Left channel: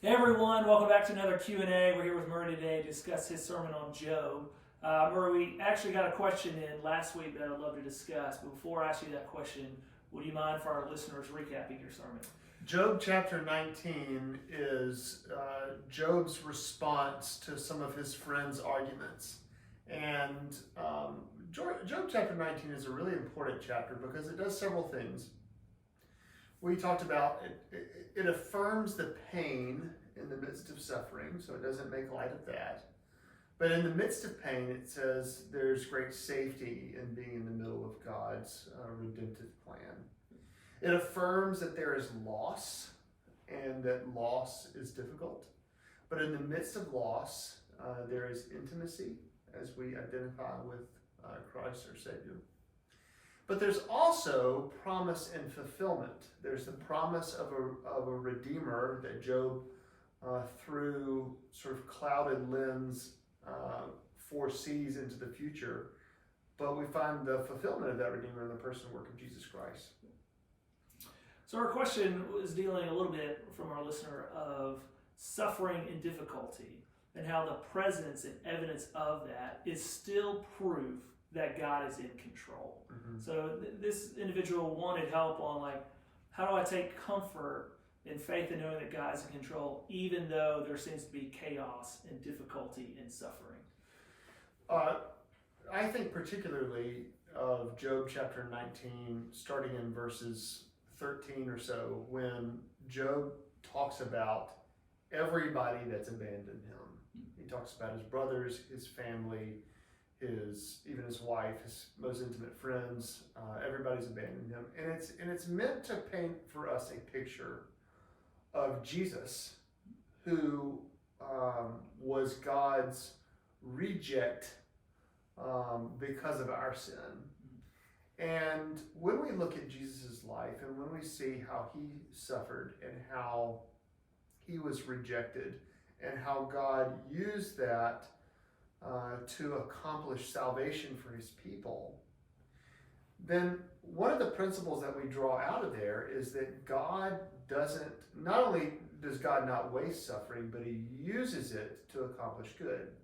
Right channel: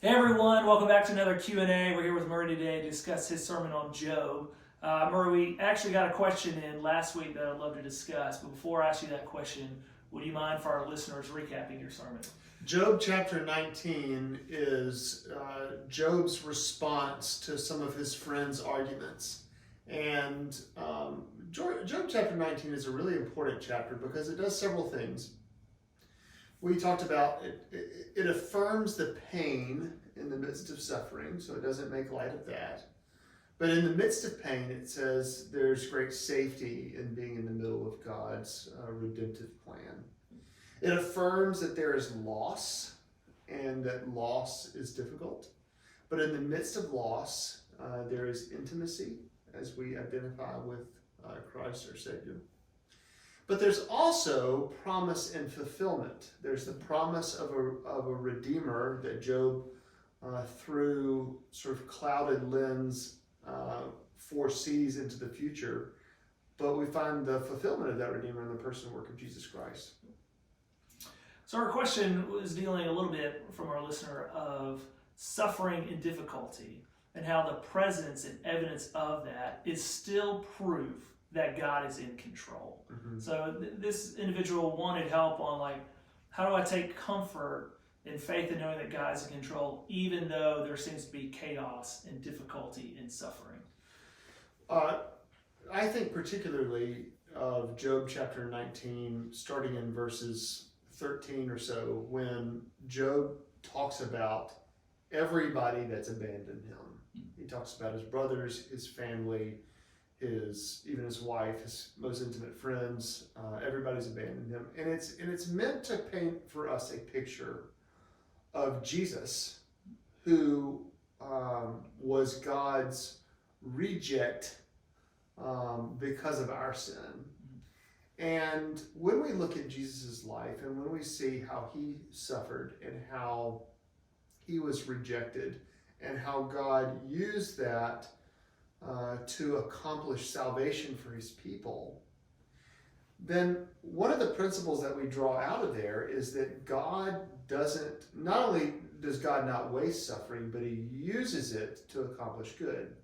Hey everyone, welcome back to another Q&A. We're here with Murray today to discuss his sermon on Job. Murray, we actually got a question in last week that I'd love to discuss, but before I ask you that question, would you mind for our listeners recapping your sermon? Job chapter 19 is Job's response to some of his friends' arguments. And Job chapter 19 is a really important chapter because it does several things. We talked about it affirms the pain in the midst of suffering, so it doesn't make light of that. But in the midst of pain, it says there's great safety in being in the middle of God's redemptive plan. It affirms that there is loss and that loss is difficult. But in the midst of loss, there is intimacy as we identify with Christ our Savior. But there's also promise and fulfillment. There's the promise of a Redeemer that Job, through sort of clouded lens, foresees into the future. But we find the fulfillment of that Redeemer in the person and work of Jesus Christ. So our question was dealing a little bit from our listener of suffering and difficulty and how the presence and evidence of that is still proof that God is in control. Mm-hmm. So this individual wanted help on how do I take comfort and faith in knowing that God is in control even though there seems to be chaos and difficulty and suffering? I think particularly of Job chapter 19, starting in verses 13 or so, when Job talks about everybody that's abandoned him. He talks about his brothers, his family, even his wife, his most intimate friends. Everybody's abandoned him, and it's meant to paint for us a picture of Jesus, who was God's reject because of our sin. And when we look at Jesus' life and when we see how he suffered and how he was rejected and how God used that to accomplish salvation for his people, then one of the principles that we draw out of there is that God not only does God not waste suffering, but he uses it to accomplish good.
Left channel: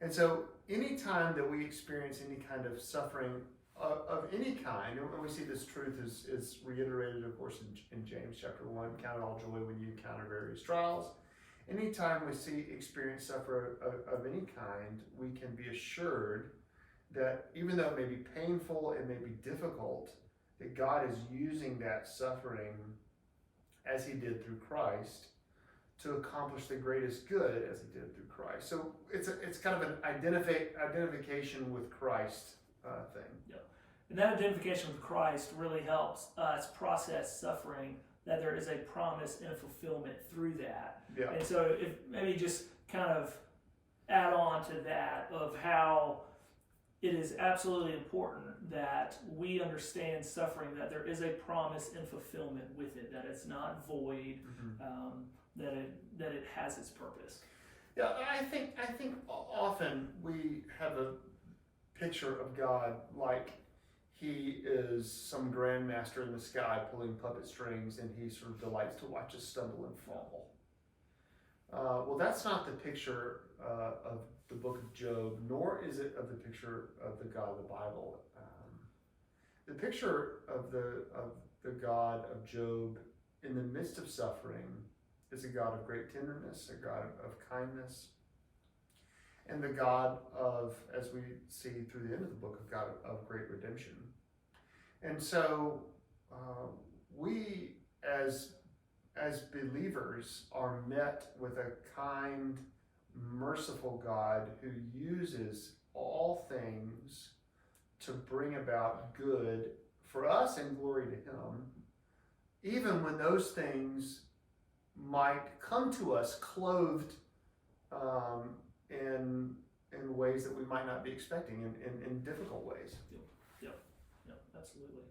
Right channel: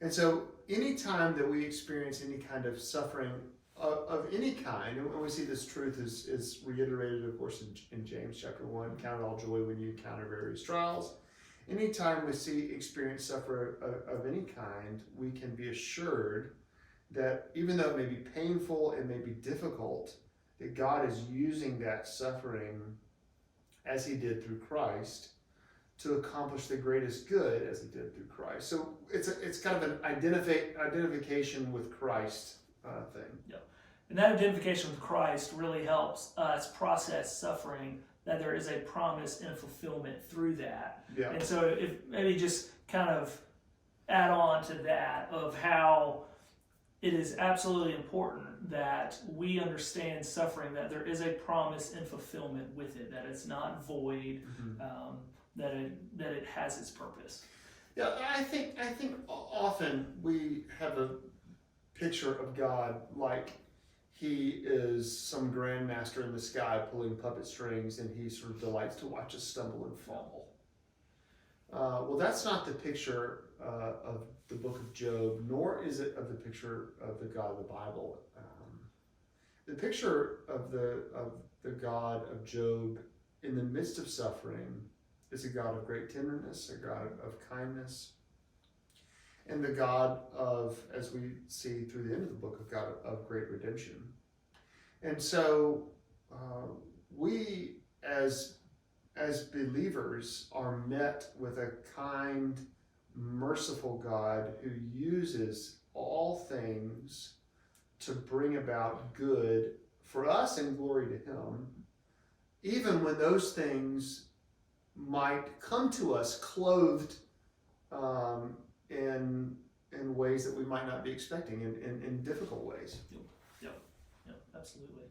And so anytime that we experience any kind of suffering of any kind, and we see this truth is reiterated, of course, in James chapter 1, count it all joy when you encounter various trials. Anytime we experience suffering of any kind, we can be assured that even though it may be painful, it may be difficult, that God is using that suffering as he did through Christ to accomplish the greatest good as he did through Christ. So it's kind of an identification with Christ thing. Yeah. And that identification with Christ really helps us process suffering, that there is a promise and a fulfillment through that. Yeah. And so if maybe just kind of add on to that of how it is absolutely important that we understand suffering, that there is a promise and fulfillment with it, that it's not void, that it has its purpose. Yeah, I think often we have a picture of God like he is some grandmaster in the sky pulling puppet strings, and he sort of delights to watch us stumble and fall. Well, that's not the picture of the book of Job, nor is it of the picture of the God of the Bible. The picture of the God of Job in the midst of suffering is a God of great tenderness, a God of kindness, and the God of, as we see through the end of the book, of God of great redemption. And so we as believers are met with a kind, merciful God who uses all things to bring about good for us and glory to him, even when those things might come to us clothed in ways that we might not be expecting, in difficult ways. Yep, absolutely.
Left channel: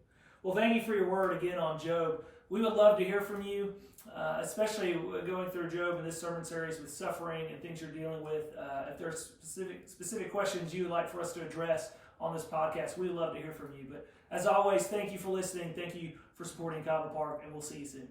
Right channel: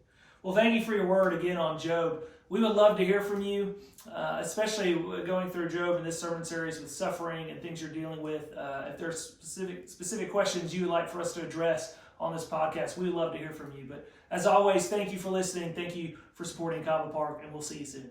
Well, thank you for your word again on Job. We would love to hear from you, especially going through Job in this sermon series with suffering and things you're dealing with. If there's specific questions you would like for us to address on this podcast, we would love to hear from you. But as always, thank you for listening. Thank you for supporting Cobb Park, and we'll see you soon.